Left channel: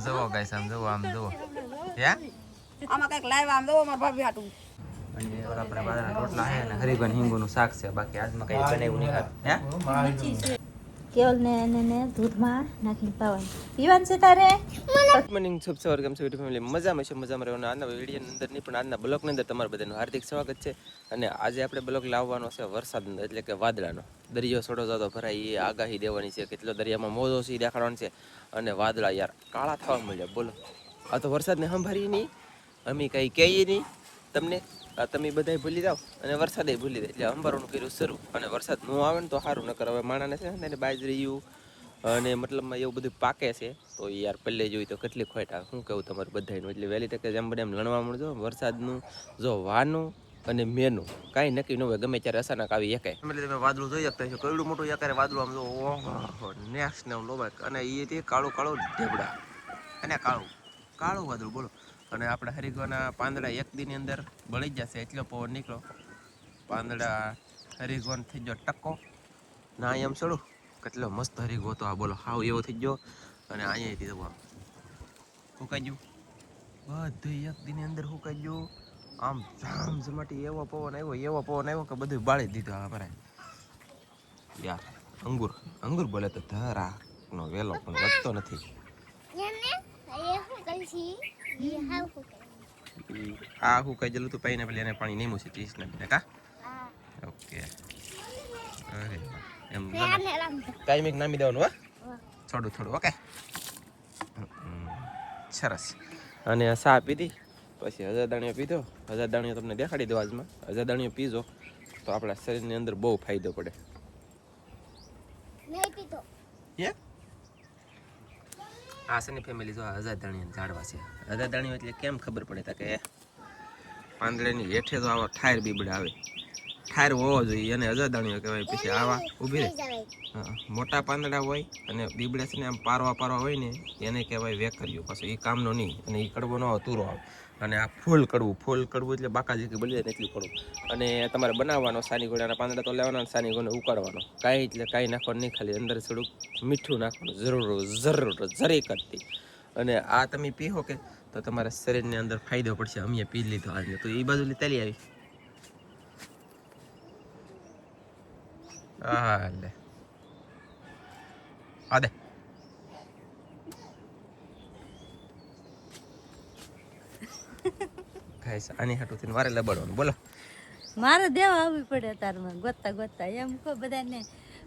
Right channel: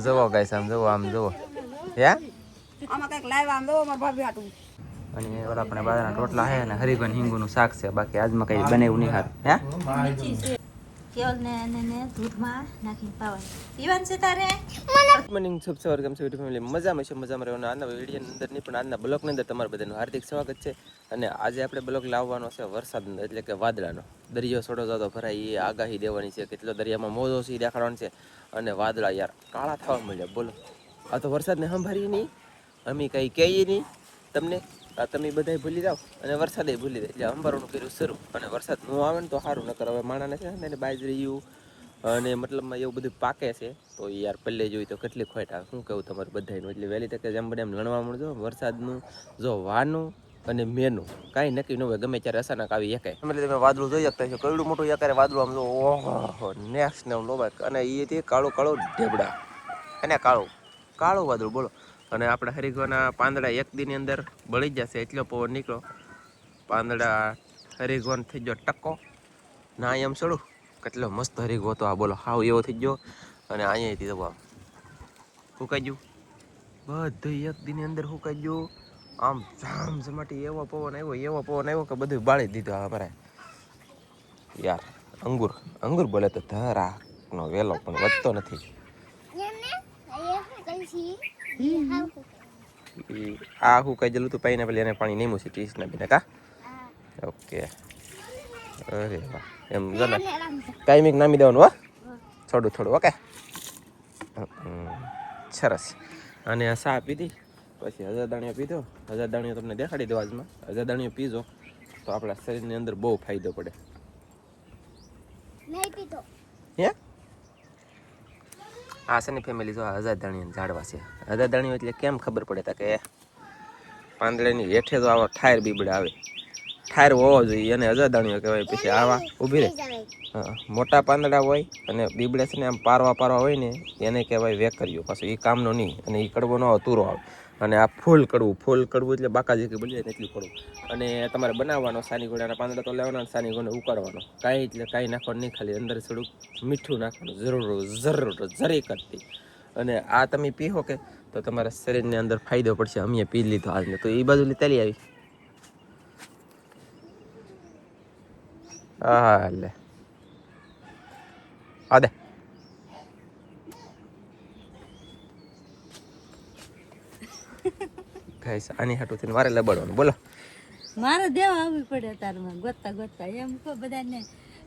જવો ગાઈસ આમ જવો હે આમાં કઈક લાઈવ આમ દો માર ભાભી હાટું અને ઓલા આપણે બાજરાના રોટલા હે ને હરીગન હિંગુનું શાક છે બાકી આજમાં કઈ બનેવું નહીં હે કેવલ ને દૂધમાં નાખીને પાવાનું પીવાનું છે તારે ગુડ મોર્નિંગ શુભ સવાર કેમ છો ફેમિલી મજામાં છે મજામાં રહેવાનું આજના વિડીયોની અંદર નહીં પણ આજના બ્લોગની અંદર તમારું બધાનું હાર્દિક સ્વાગત છે અને આજે આપણે બ્લોગ લાવવાનો છે વરસાદનો એટલે કે વાદળાનો દરિયો છોડો જાતો ભરાય એ આગાહી દેવાની છે કેટલો દરિયામાં મોજો છે દેખાડવાનું છે અને વાદળા યાર કાળા થવા મળ્યા બોલો આ તો વરસાદને સંભાળી નહીં અમે કંઈ કહીએ નહીં તમને તમે બધાય ભૂલી જાઓ અને વરસાદે ભૂલી જાય એટલે અંબારોનું કર્યું શરૂ અને વરસાદ ન આવે ને તો સારું નકર હવે માણાને છે ને બાજરીયું અને મતલબમાં એવું બધું પાકે છે તો યાર પહેલે જોઈ તો કેટલી ખોટ આવે શું કહું તમારું બધાનું એટલે વહેલી તકે જેમ બને એમ લણવા મળજો વરસાદનું જો વાનું અને મેનું કાંઈ નક્કી ન હોય ગમે ત્યારે અચાનક આવી એકાય એટલે તમે વાદળું જોઈ શકતા છો કયું મોટું એકારે વાદળું આમ જો ઓહો નેક્સ્ટ ને લોબાક અને એ કાળું કાળું ઢેબડા અને કાળું વાદળું બોલો અને આપણે હરીગવાના પાંદડા એક દીની અંદર બળી જશે એટલો પવન નીકળો પાંદડા હરીગવાન થઈ ગયો ટક્કો ના એમ ચડું કેટલો મસ્ત હરીગવો હતો આ બોલો હાવ એવો થઈ ગયો અને અહીંયાથી તો આમ સુકાઈ ગયું બધું એક દીની અંદર સુકાઈ ગયું આમ જામ જમાટી એવો પવન આવ્યો કે બધું બાળી દીધું અમારે યાર અંગુર બોલે તો ધરાનો વેલો પણ વધતો નથી આ હું કઈ જલું તું પાઈને પેલી એને પાણી નહીં મૂકી 30 ના બીને કા ઓકે અરે વાહ એમ જને ટાઈમિંગ નામી દેવાનું હો થોડું ઓકે સરસ અને ચા પીધી પછી હજારદાણીઓ પીધો હજારદાણીઓ તમને દેખાડી દો આજમાં હજારદાણીઓ પીજો તો આપણા શરીરની અંદર બહુ ફાયદો પડે હે આ છે ને ફેમિલી જો હજારદાણીઓ ઝાડવા છે હજારદાણીઓ એટલે કેમ ખબર પડે તા કે પાંદડાની હેઠે તો આવા ઠાયર બીબડા આવે ઠાયર હોવો જોઈએ અને હજારદાણીઓ કહેવાય પછી આવા ઊભી રહે મોટા પાંદડા હોય અને બીબડા છે ને આમ પારવા હોય ને એને કહેવાય વેકરીઓ પાછું એ કામનો નહીં અને એ કડવો ન આવે તુરો આવે અને આ ફૂલ કડવું એટલે બાકાજી કે બોલી જાય ને એટલું કડવું અને તમારે બનાવવાનો સાની ગોળાના પાંદડા તો લેવાના સાની ગોળને ઉકાળવાનો કાંઈ નાખવાનું નહીં ખાલી અંદર થોડુંક મીઠું નાખવાનું જરી કરતી અને આ તમે પીવો કે તો તમારા શરીરની અંદર ફાયદો પડશે અમે પી લીધો આજને તો એ બાજુ ચાલી આવી હા લે આ દે આની હાટું થઈને મારે લબડવાનું બોલો મારે દેવા આવવી પડે તારમાં ગોતતા એમ કહો બધાને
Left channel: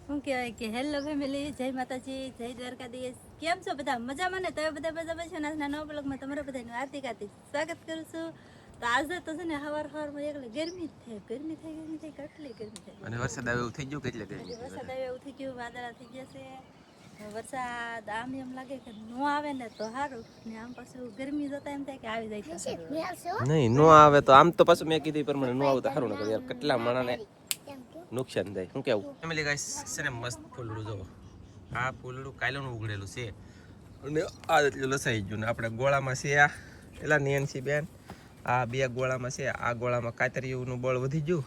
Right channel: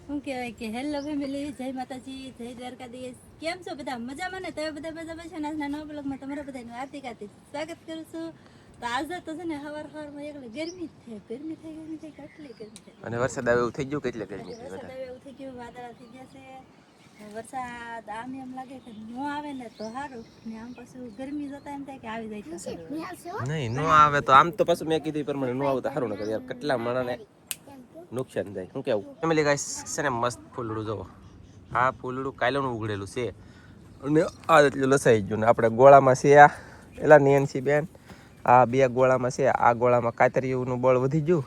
શું કહેવાય કે હેલો ફેમિલી જય માતાજી જય દ્વારકાધીશ કેમ છો બધા મજામાં ને તમે બધા મજામાં છો આજના નવા બ્લોગમાં તમારા બધાનું હાર્દિક સ્વાગત કરું છું તો આજે તો છે ને સવારમાં એકલે ગરમી થઈ કેટલી ગરમી થઈ અને વરસાદ આવે એવું થઈ ગયું કેટલે ગરમી વરસાદ આવે એવું થઈ ગયું વાદળા થઈ ગયા છે વરસાદ આમ એમ લાગે કે નો આવે ને તો સારું ને આમ પાછું ગરમી જતા એમ થાય કે આવી જાય તો નહીં નો આવે તો આમ તો પાછું મેં કીધું પ્રમાણે નો આવે તો સારું ન કરે યાર કેટલા માણસને નુકસાન થાય શું કેવું ફેમિલી ગાઈસ છે ને મસ્ત ફૂલડું જોવો આ ફૂલડું કાયલોનું ઉગડેલું છે અને આ એટલું લસાઈ ગયું ને આપણે ગોળામાં છે આ એલા નેનસી બેન આ બે ગોળામાં છે આ ગોળામાં કાતરીઓનું બળ વધી ગયું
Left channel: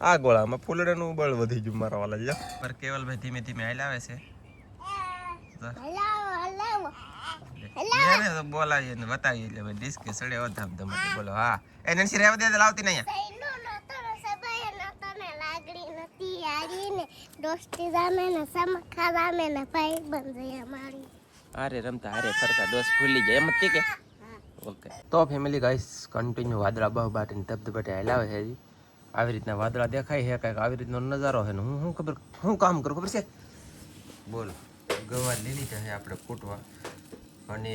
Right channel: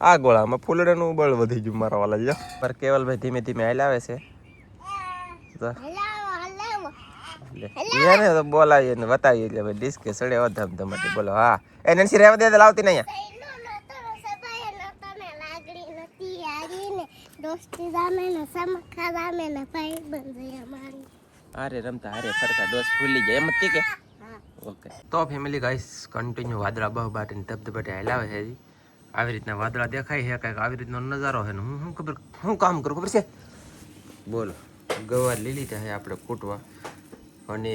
આ ગોળામાં ફૂલડાનું બળ વધી ગયું મારા વાલા જો પર કેવલભાઈ ધીમે ધીમે હાલ્યા આવે છે એને તો બોલાવીએ ને બતાવીએ એટલે ભાઈ ડિસ્કે સડે ધમધમાટી બોલો હા એ નેનસી રહેવા દે લાવતી નહીં અરે રમતા હારે ફરતા દોસ્ત ભૂલી ગયા એમ જ કે ઓકે તો ફેમિલી ગાઈસ કન્ટિન્યુ વાદળા બહુ બાટીને ધબધબાટી હાલાવે છે આવી રીતના વાદળા દેખાય છે કાંઈક આવી રીતનો નજારો છે ને હું ખબર હું કામ કરું ખબર છે બોલો ગવાર લીલી છે આપણે કૂટવા અને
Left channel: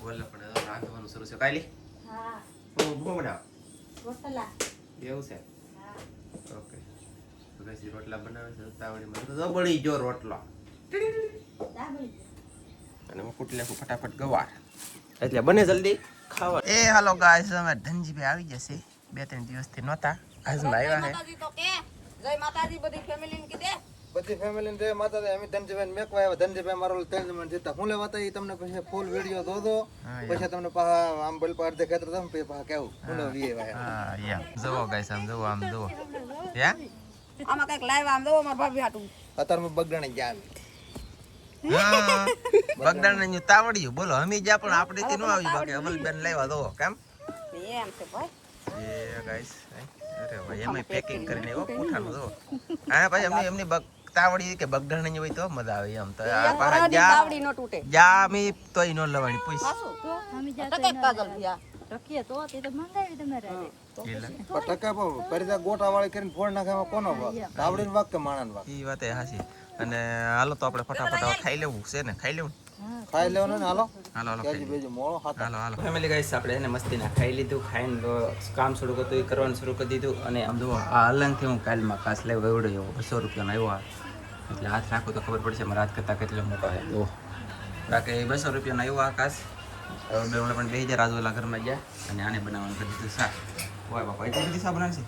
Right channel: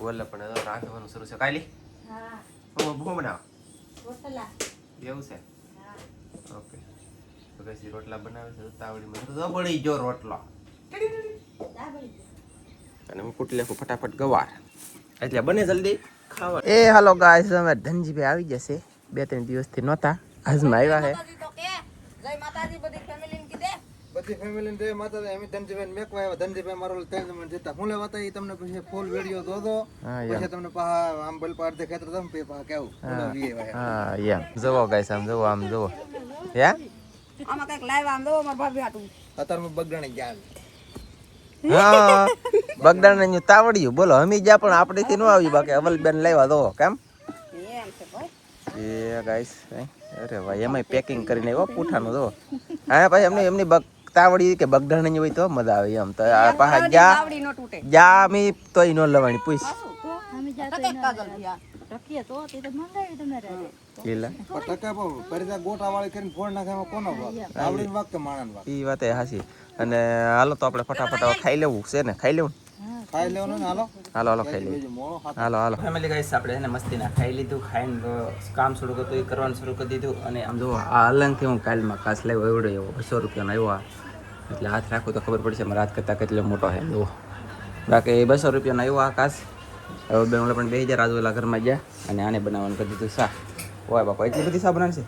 ઓલા પણ રાખવાનું શરૂ છે કાલી હું ભૂ બનાવ એવું છે ઓકે તો કઈ રોટલા બનાવે છે તાવડીમાં બળી જો રોટલો અને હું કૂટી નાખું ફટાફટ ગવાર એટલે બને જલ્દી ખાવા એ હાલો ગાઈસ અમે ધનજીભાઈ આવી જશે 2-3 દિવસથી નહોતા આજમાં આવ્યા છે જય માતાજી બધી ફેમિલી ને કીધે બધી ફેમિલી ને જય માતાજી અમે ધનજીભાઈ મેકવા આવ્યા ધનજીભાઈ મારો 3 જણ જતા હું લેવા તા તમને પછી ફૂલ વિડિયો દોદો પછી તમને પાહા આમ બલ પાડ દે ખેતર તમે પાહા કેવું ફૂલ વી આવ્યા હા યા જવો ગાઈસ આમ જવો હે આમાં કઈક લાઈવ આમ દો માર ભાભી હાટું અત્યારમાં બગડાણી ગયા હા બગદાણા તાવડિયું બોલો હમી જા પણ આપણેથી ન આવ્યું બાકી અવલબેન લાવ્યા તો કેમ એમ છે ભાઈ એ ગાઈસ અરે ભાઈ એમાંય પેકિંગ કરીને આવ્યો પૂઠાનું તો હા ભાઈ એમની તાવડી કે બગદાણાની હોય તો મજા આવે એમ તો આ પાછા તાવડી નો તૂટે જા મી તોય ન લવાની પૂછ તો અમે જાતો ટકે કાજલ થયા ટકીએ તો તે તો મંગાવી તમારે લીલા પણ ટકા પરિતા ગોટા વાળી કરીને ફોડ નાખે કોનો વાક તાવડીનો વાક કે માણાનો વાક ઈ વાત હાસી અને હાલો તો આપણે ફટાફટ હવે ખાઈ લેવું છે ને ખાઈ લેવું ખાઈ લેવાનું ને હાલો હાલો ખાઈ લેવું બીજું મોળો હાથ હાલો ફેમિલી ગાઈસ આપણે એને મસ્તીના ખાઈ લીધું ખાઈને તો કામ શરૂ કરતું એ કરવાનું શરૂ કરી દીધું અને આમ જો આ અલંગથી હું કાલમાં કાચ લેવો એવડો એવો 200 રૂપિયાનો આવ્યો એટલે હાથ રાખું તો ખબર પડશે મારા હાથ કરતાં કેટલો મોટો છે જો બાકી 200 રૂપિયાનો આવ્યો આ કાચ હવે બે પણ 2000 આજુબાજુ ઘરમાં ગયા અને આને બનાવવાનું કરી દીધું શાક ઓય બાપા એટલી બધી શાક બનાવશે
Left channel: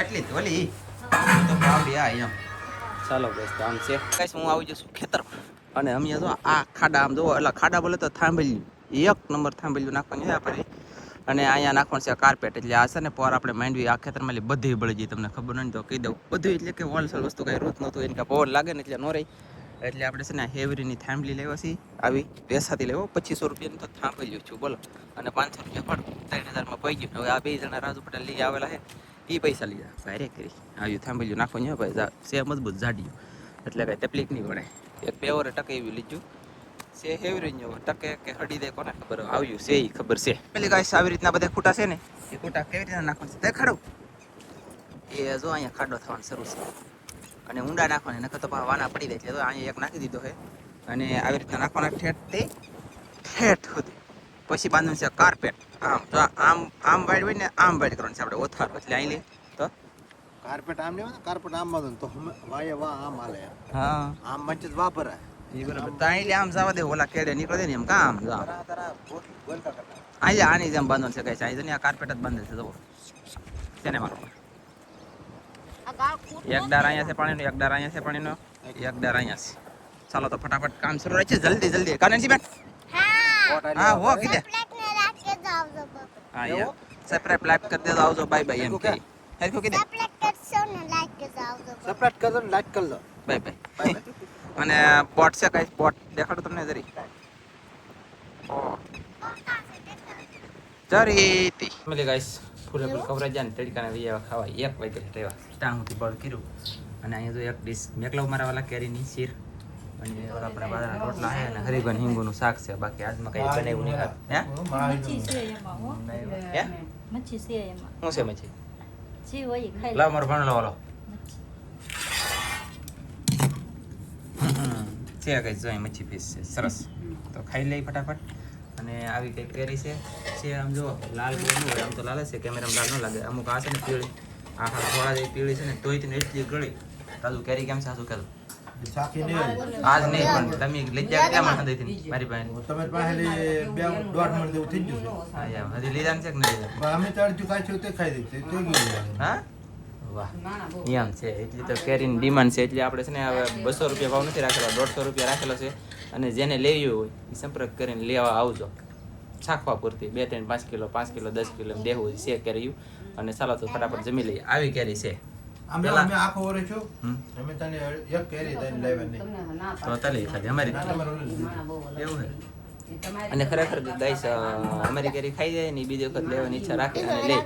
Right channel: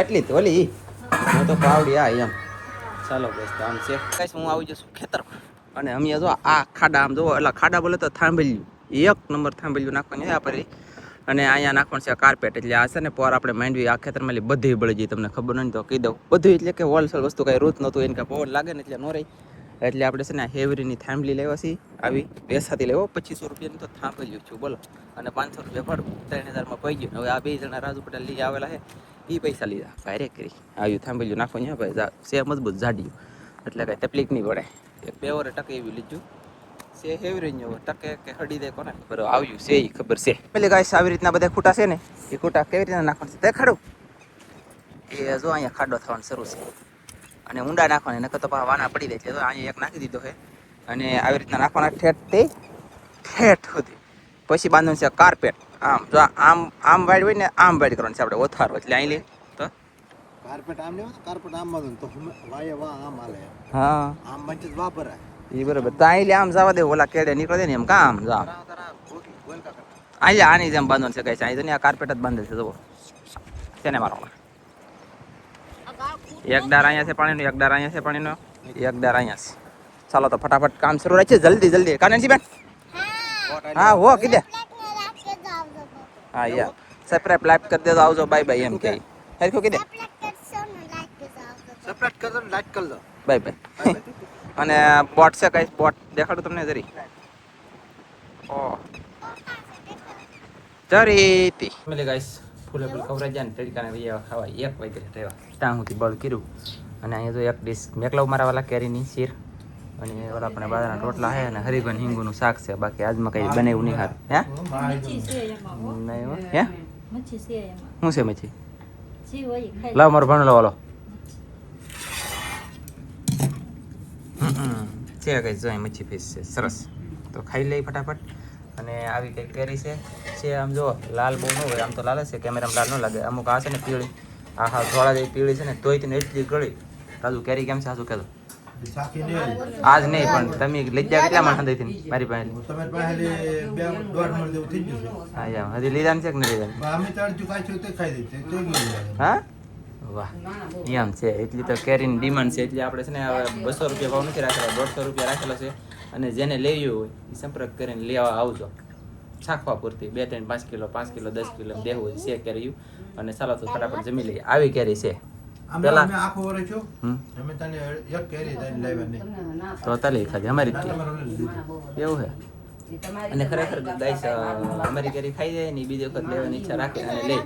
એટલી જ ઓલી હું તો પાવડી આ એમ ચાલો બસ તો આમ છે કઈશ હું આવી જશું ખેતરમાં અને અમે જો આ ખાડા આમ જોવો એટલે ખાડા બોલે તો થાંભલ્યું 1 નંબર થાંભલ્યું નાખવાનું છે આપણે અને અહીંયા નાખવાનું છે કાર્પેટ એટલે આ છે ને પર આપણે માંડવી આ ખેતરમાં બધી બળી જઈ તમને ખબર નહીં તો કહી દઉં બધું એટલે કે હોલસેલ વસ્તુ કાંઈ રૂત નહોતું એને કાંઈ પવન લાગે ને એટલે ન રહી એટલે આપણે છે ને હેવરીની થાંભલી લેવા છીએ આવી પેસાથી લેવો 2500 રૂપિયાની તો થાંભલ્યું છું બોલો અને 500 રૂપિયા ભાડું 3000માં પડી ગયું હવે આ 2 જણા રાજુ પટેલ લઈ આવેલા છે એ પૈસા લીધા ભારે કરી આવ્યું થાંભલ્યું નાખવાનું છે ભાઈ સે મજબૂત જાડ્યું એટલે કાંઈ તકલીફ નહીં પડે એક 2 વરે ટકે એવી લીધું સે હેવરી નો ટકે કે હડી દે કોને ખબર આવ્યું છે એ ખબર છે પેલી ગાઈસ આવી રીતના બધા ખૂટા છે ને એ ખૂટા કેવી રીતના નાખવાનું છે તે ખડું એ જો અહીંયા ખાડો થવાનું શરૂ છે અને ઊંડા નાખવાના નકર તો પાછા વાના પડી જાય એટલે તો અહીંયા એક નાખી દીધો છે અને આવી રીતના નાખવાના ઠેઠ સુધી પછી બાંધવાનું છે કાર્પેટ આમ જો આમ વાઈડ હોય ને આમ વાઈડ કરવાનું છે આપણે ઓથારો એટલે અહીં લે તો કાર્પેટ આમ લેવાનું કાર્પેટ આમ બાંધવાનું તો વાય વા આમ હાલે હા આમ મંચ જ વાપરાય એ બરોબર તો અહીં લે આમ જવા દે ઓલા કેડે નીકળે દે ને એમ કામ જા અહીંયા આની જેમ બાંધવાનું છે કઈ અહીં તો ને આ કાર્પેટ જ બાંધેલ છે જુઓ તેને મારો એક ડાર અહીંયા છે પાણીનો એક ડાર અહીંયા છે પાણીનો એક ડાર અહીંયા છે ચાલો તો ફટાફટ કામ શરૂ રાખીએ જલ્દી જલ્દી કાનનજી બેન હા હો કીધે હા યાર સબસ્ક્રાઇબ લાઈક કરી દેજો આવજો બાય બાય એમ કે હરખું કીધે સેપરેટ કરજો ને લાઈટ કરજો બાય બાય અને બોટ છે કઈ બોટ દેખાડું તમને જરી ઓ જરીતી મેલે ગાઈસ ફૂલે ફૂલ કવરાઈ જાય ને તડકાને વિયા ખાવા 1 વાગે રહેવા ત્યાં સુધી બળ કર્યું અને અહીંયા તો એક ડીશ મેકલાવ મારા વાલા કેરીની શીર અને ઓલા આપણે બાજરાના રોટલા છે અને હરીબન હિંગુનું શાક છે બાકી આજમાં કઈ બનાવ્યું નહીં ખા હે મચ્છી છે એમાં નહીં હે મચ્છી છે એમાં શું છે મચ્છી જી હોય ખાઈ લાવ મારો ભણલો વાલો છે કઈ જો મચ્છી ફીસ છે સરસ તો ખાઈ લઈ ફટાફટ અને આવી કઈ કેરી છે આમ જો લાલ બહુ ન હોય આમ તો લાલ છે કેમેરામાં લાલ ન લાગે અમુક આ છે ને પીળી આ હા થોડા જેવી પીળી છે ને તોય તેને એટલી ગળી રાજુ કેરી કેમ છે આજુ કહેતો સાખી ને આજ નહીં પણ તમે લઈ ગયા કેટલા માણસ હતી મારી પાસે તમે પાસે 2.5 મણ જેવું થઈ ગયું છે હા યાર હજી લીધા છે કે નહીં લીધા અમે ચાર ચુકાઈ છે તે ખાઈ દીધી તો ગયું હા વાહ એમ છે એટલી તો કેરીની ડિમાન્ડ છે એટલે આપણે છે ને હવે 200 રૂપિયા ભાવ નથી રાખેલો 150 રૂપિયા રાખેલો છે અને જેને લેવી હોય એ સંપર્ક કરીને લેવા આવજો ચાખવા પૂરતી 2 3 5 કિલો 5 કિલો 10 કિલો એમ દેવું છે કેરી અને ચાલો તો ફટાફટ જમી લઈએ આવી કેરી છે અમે આખો વરે છો અમે તને એક કેરી તને લાવ્યા નહીં તો તાલી ખાધી અમારી એવું છે અને ખરેખર ગાઈસ અમારી કેરી ખાઈ જાય ને બીજી વખત લેવાની ઈચ્છા રાખે અને લે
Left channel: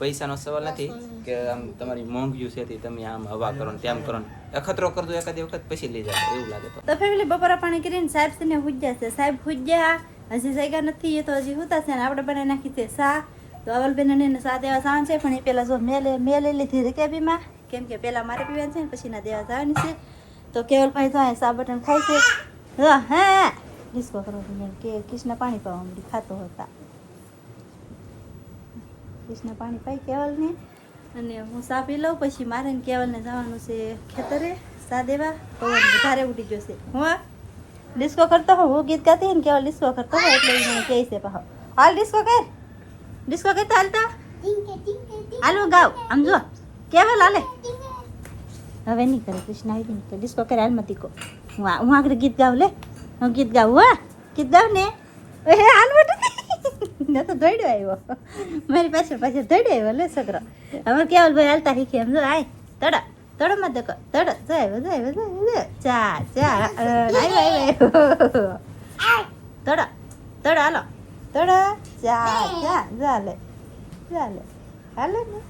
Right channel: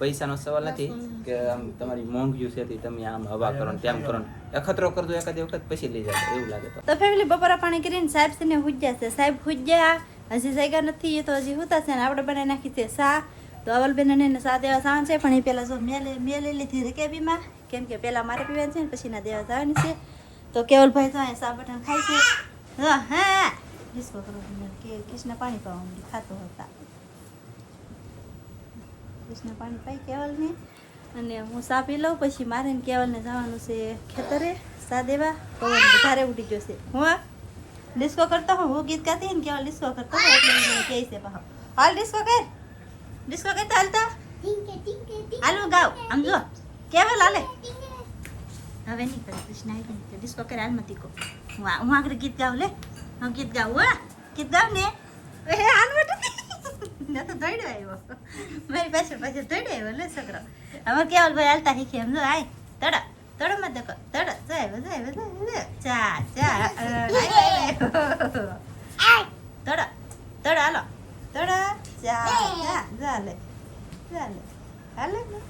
પૈસાનો સવાલ નથી કે આમ તમારી મોંઘ્યું છે તમે આમ હવા કરો ને તેમ કરો ને અખતરો કરજો એકાદી વખત પછી લઈ જાય એવું લાગે તો ફેમિલી બપોરા પાણી કરીને સાહેબ છે ને હુજ્યા છે સાહેબ હુજ્યા હજી જગ્યા નથી એ તો હજી હુતા છે ને આપણે બનાવી નાખી છે સા તો અવલબેન ને સા દેવા જવાનું છે પણ એ પેલા જો મેં લઈ લીધી રેકેબીમાં કેમ કે પેલા મારે પીવાનું છે ને પછી ના દેવા જવાની છે તો કેવલભાઈ તો અહીંયા સા બટન ખાય છે હા ડિસ્કો કરો કે કૃષ્ણ પાણી પાવા મળી ખાતો હતા કૃષ્ણ પાણી પાઈ કેવલને અને હું સા પી લઉં પછી મારે ને કેવલને જવાનું છે ખેતરે સા દેવા પવન વધારે ઉડી જશે હું ડિસ્કો કરતો હું ગીત ગાતી ને કેવલ ડિસ્કો કરતો હોય એટલે મને કહે છે પાહો હાલ ડિસ્કો કર હાલતા હાલું ગાવ આમ જો કેવલ હાલે હવે નહીં કરે કૃષ્ણ આવી નહીં ડિસ્કો કરે હાલમાં ટીકો હું આગળ ગીત ગાઉં લે હું ગીત ગાઉં હા ગીત ગાઉં ને હાલ મેં તો દોડ્યો આવ્યો મારી પાછળ દોડ્યો આવ્યો લે છોકરો અમારે કેવલ ભાઈ હાલતા શીખે એમ જો આય તડા તડો માં દેખો તડો જાય ચા તડો તડો હાલો તડો ચા ચાલે હાલે ને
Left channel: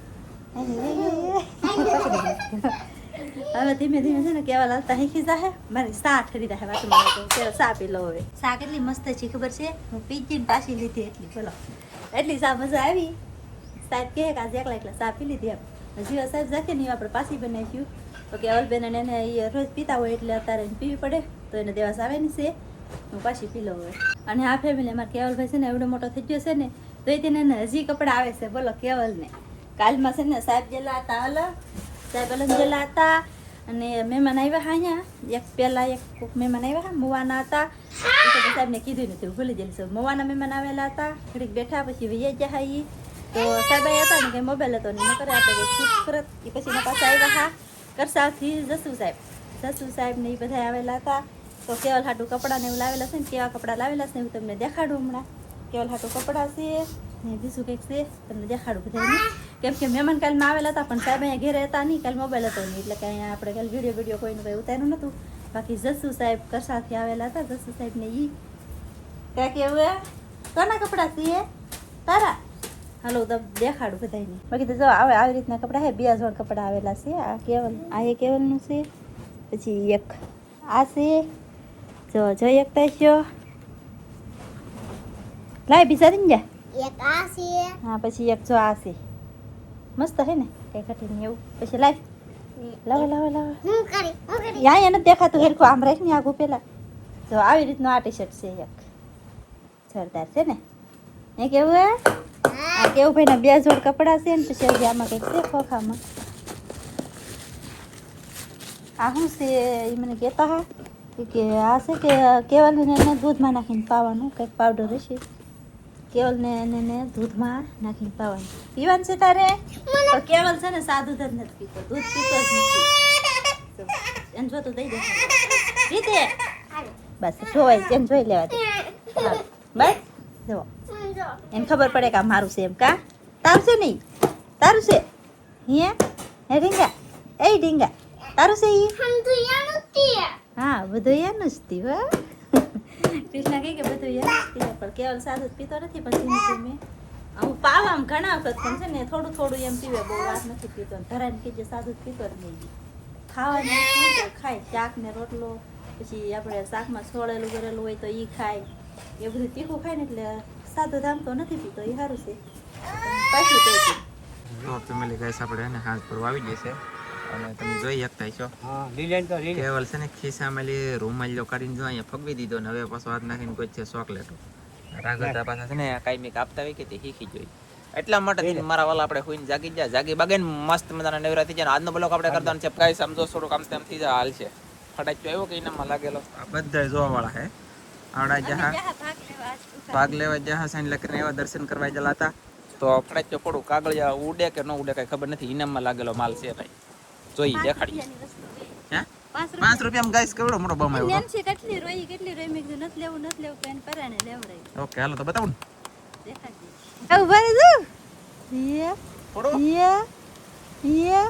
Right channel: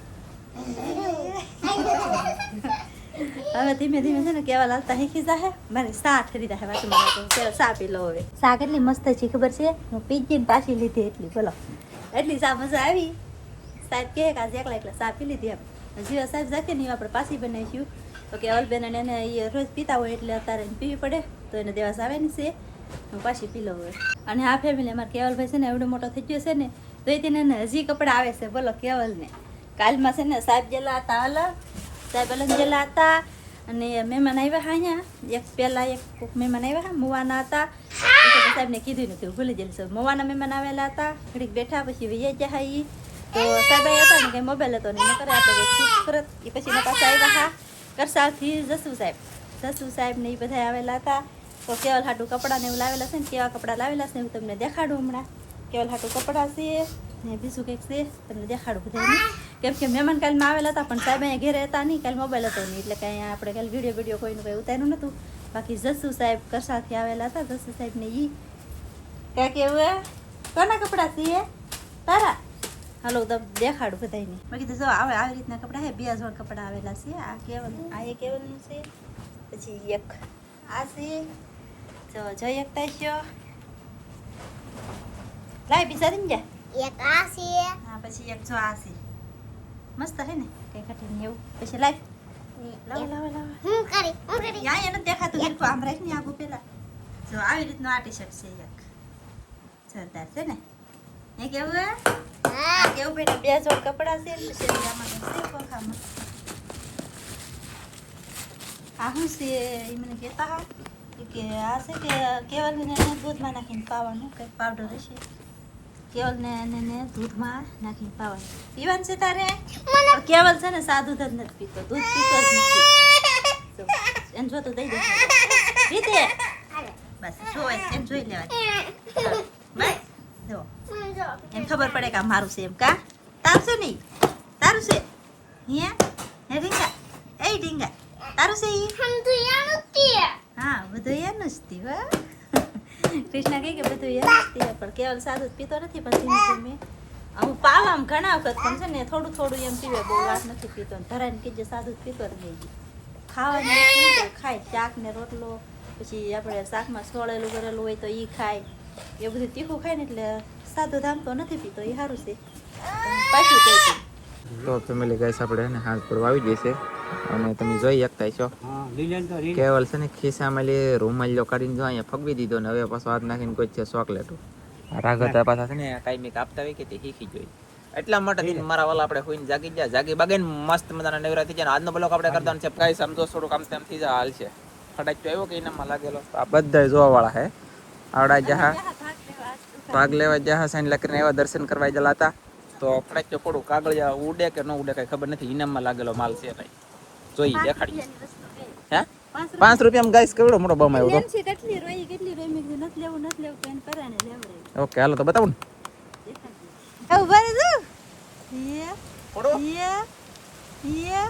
હવે ધીમે ધીમે છે ને કેવા લાલતા શીખી જાહે મારી સા ઠરી જાય વાત મને તો પેલા સા પી લો હવે સા કેટલી મસ્ત છે ખબર છે હું પીજીને પાછી લીધી એટલી બોલો એટલી સા મજા આવી સાહેબ કહે કે આજે એકલા સા પી લીધી એમ જીવા સાહેબ જાકે નહીં આપણે પાછી બનાવીશું તો કેવલબેન એને એ રોજ પીતા હોય એટલે અત્યારે પીવી પડે તો એને દેવાસ આવે ને છે હું પાછી પી લઉં હવે અને આ ફેમિલી અમારે કેવલભાઈ છે ને એવડો મોટો થઈ ગયો છે ને તો એ તેને હજી કપડાં આવે છે બોલો કેવલને કાલમાં છે ને સાહેબ જેલા હતા અલગ સાહેબ અલગ જેલા હતા અને મહેમાન આવ્યા હા અહીંયા એક પહેલાં એક કોઈક મહેમાન આવ્યા હા મુવાના હતા એ તો સાહેબને કીધું નથી હું ભૂલી ગયેલી છું મુવાના મહેમાન આવેલા હતા ઘડીક બેઠા પછી વૈયા ગયા એ તો સાહેબ આવ્યા હતા ને કંઈ મોબાઈલ હતો ને ન કરે આપણે કંઈ શૂટ કરત એ પછી એના પાસે આવ્યા હા કરસાવથી જસુ સાહેબ ને એ બધા આવેલા હતા તો કેવલ હાટું કપડાં ને એવું લાવેલા છે ને કેવા કપડાં લાવેલા છે હું તમને દેખાડું હમણાં કેવલ હાટું કપડાં છે ને બીજું કંઈક છે તમને દેખાડું બધાને કેમ કે મહેમાન કાલમાં આવેલા હતા પણ સાહેબ અહીંયા ઘેરે હતા નહીં કાલ મોબાઈલ હતો નહીં એટલે કે અહીંયા આપણે કાલ વિડીયો કોઈનું કંઈ ઉતાર્યું નહોતું બાકી જસુ સાહેબ કરસાથી આવેલા હતા જસુ સાહેબ ને ઈ કાંઈક એવું કોના કપડાં છે તારા હાલો તો દેખાડું બધાને બાકી તો જો આવે આવી રીતના કપડાં છે 2 જોડ કપડાં આવેલા છે આ કેવલનું છે પછી એક આ છે જો એક તો છે લાય બિચારી ને એક આ છે હા પછી એક જો આ છે મસ્ત છે ને કઈ ઘટીને એવું પછી લાય લાવો હું કરી યા એને દેખાતું હેરખું આમ રાખ ને આગું પેલા જો આવી રીતનું આ ટી શર્ટ છે એક જોરદાર છે ને એ કેવું આ કેવું ભાઈ ના 2 જોડ કપડાં છે ને પછી આમાં તો છે ખોખામાં આ શું છે એ મને કહેતા હા કે આ છે કે કેવલને એને દૂધમાં નાખીને પાવાનું કંઈક પાવડર હશે કેવલને એને દૂધમાં નાખીને પાવાનું પીવાનું છે તારે પણ કેવલ છે ને સાદું જ નથી પીતો દૂધ પીતો જ નથી એને જોતું દઈ દે રીતે બસ જોવાય એને જોઈ લેવા દે બસ જો એને ખબર પડે કે આ મારું છે એમ કા તારું છે નહીં તારું છે હે ઢીંગા એ ઢીંગા તારું છે ઈ હા બધું એનું જ હતી હો કૃષ્ણ કહે કે બધું એનું જ હતી પણ કેવલ સાદું જ પીતો નથી પણ ધીમે ધીમે હું પાવામાં ઘણા વખત પણ છે ને થોડું થોડું એમ પીવે બહુ વાત નથી પીતો ધરાઈને કીધે સાદું જ પીતો જ નહીં ખાવાની વસ્તુ ખાય શાક ને રોટલો પછી આપણે શાકમાં સોળેલું કરેલું હોય તો એ ખાય એ બધું તીખું ખાય ને એટલે સાદું ધામ તો નથી પીતો એ સારું છે પાછું કહી તો ફેમિલી ગાઈસ આપણે એને હાથ પર આવી જશે અને તમે જોઈ શકતા છો કેવલ છે ને ખિસ્સામાં લે રૂમાલિયો કાઢીને જો અહીંયા ફગવી દીધો ને હવે પાછો હાથ નાખીને કોઈ છે ચોકલેટો રાગતા પાછા છે ને કાંઈ આપતા હોય કે તે શીખી જોઈ એટલા માટે થઈને મારા વાલા આપણે હોઈને જાગી બાગીને મસ્ત મજાના નવરા થઈ જાય આજનો બ્લોગ આપણે કરતા છે ગાઈસ સમજો થોડું કામ તેમ થઈ જાય હાલ છે ફટાક આવ્યો કે એનામાં લાગેલો આ બધા જોવા વાળા હે આવડા જહા ભાગ લેવા જહા સાઈન લખીને એવા દર્શન કરવા ગયેલા હતા તો ફટાક થોડું કાગળ ઉડે કે ન ઉડે કઈ ખબર નથી ઇનામમાં લાગેલો માલ છે કઈ જોઈ દેખાડીએ હે 5 રૂપિયામાં ગાઈસ કેવડો મોટો બમ આવ્યો છે કેટલી રોઈ મેં કીધું નથી લેવું પેન પરાને લેવડાય ઓકે હાલો તો બતાવું દેખાડી આવ ભરે દો યે ફોડો યે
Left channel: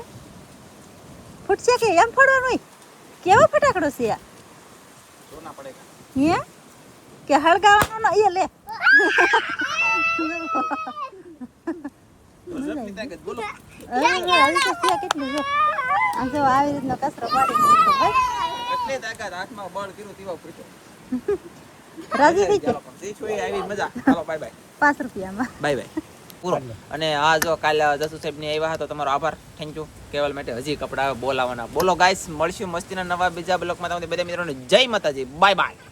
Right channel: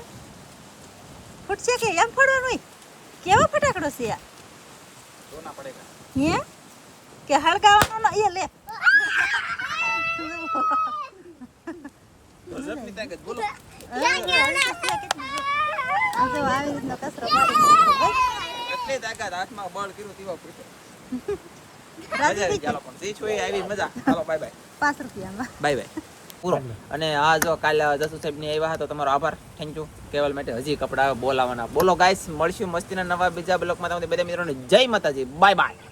ફૂટશે કે એમ ફોડવાનું હોય કેવો ફટાકડો છે આ સોના પડેગા હે કે હળગાવાનો ન એ લે જલ્દી તાકે બોલો કેટલી જો આ જો આવી રીતનો કચરો પાડી મૂકો ભાઈ કેટલી તાકાત હાથમાં બળ કર્યું તેવા પૂછો રાજી થઈ ચાલો પણ જે છોય આવી મજા ચાલો બાય બાય 5 રૂપિયામાં બાય પૂરો અને આ જો કાલે જસુ સાહેબ ની આવ્યા હતો તમારો આભાર થેન્ક યુ કેવલ માટે હજી કપડા બોલાવાના બોલો ગાઈસ મળશું મસ્તીના નવા બીજા બ્લોગમાં તમને બધા મિત્રોને જય માતાજી બાય બાય